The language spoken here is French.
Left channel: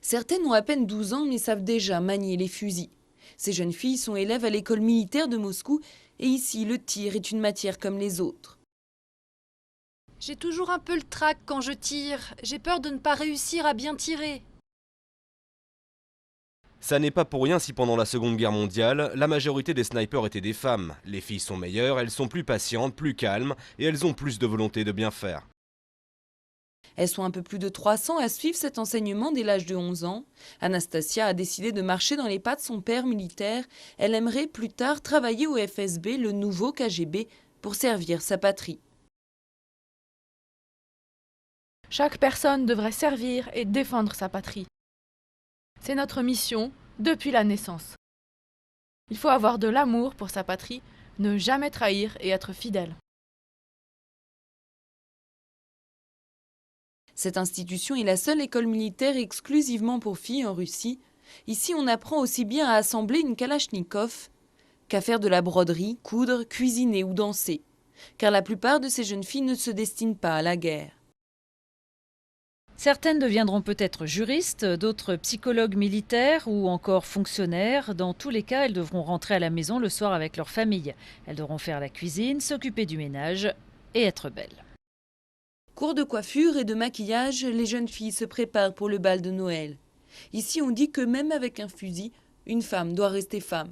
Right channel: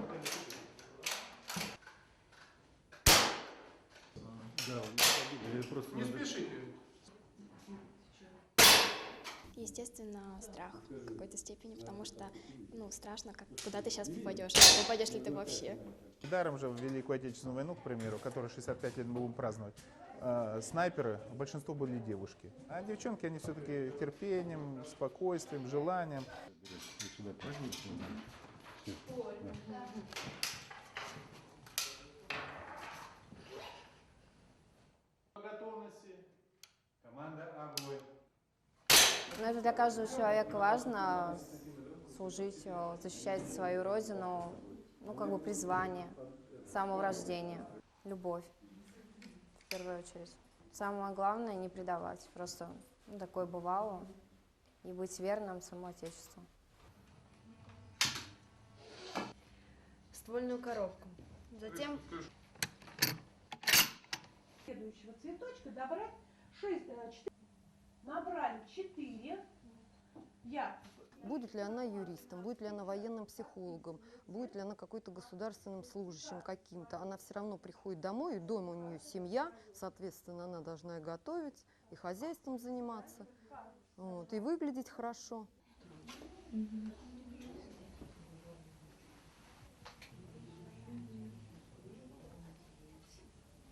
Certaines ont à peine 12 ans mais savent déjà manier les fusils. Ces jeunes filles sont élèves à l'école militaire de Moscou et ici le tir est une matière comme les autres. J'ai toujours un peu le trac quand je tire. J'ai peur de ne pas réussir à bien tirer. Ça n'est pas pour rien si pendant la Seconde Guerre mondiale, la majorité des snipers étaient des femmes. Les filles sont meilleures, elles sont plus patientes, plus calmes et elles ont plus de volonté de bien faire. Elles sont un peu plus de 300 à suivre cet enseignement dès l'âge de 11 ans. Anastasia a décidé de marcher dans les pas de son père militaire. Elle aimerait plus tard travailler au FSB, le nouveau KGB, pour servir sa patrie. Chaque personne devrait servir et défendre sa patrie. C'est notre mission depuis la naissance. Il faut avoir de l'amour pour sa patrie, ne jamais trahir et être fidèle. Cette institution est la seule école militaire exclusivement pour filles en Russie. Ici, on apprend aussi bien à assembler une kalachnikov qu'à faire de la broderie, coudre, cuisiner ou danser. Car la plupart de ces jeunes filles ne se destinent pas à la guerre. Certaines deviendront peut-être juristes, d'autres psychologues militaires ou encore fonctionnaires. Dans tous les cas, elles devront rentrer à la maison le soir avec leur famille. Elles devront faire la cuisine, s'occuper du ménage et être belles. Cours de coiffure et de maquillage, les jeunes filles se préparent pour le bal de Noël. Ici, on dit que même avec un fusil, une femme doit rester femme.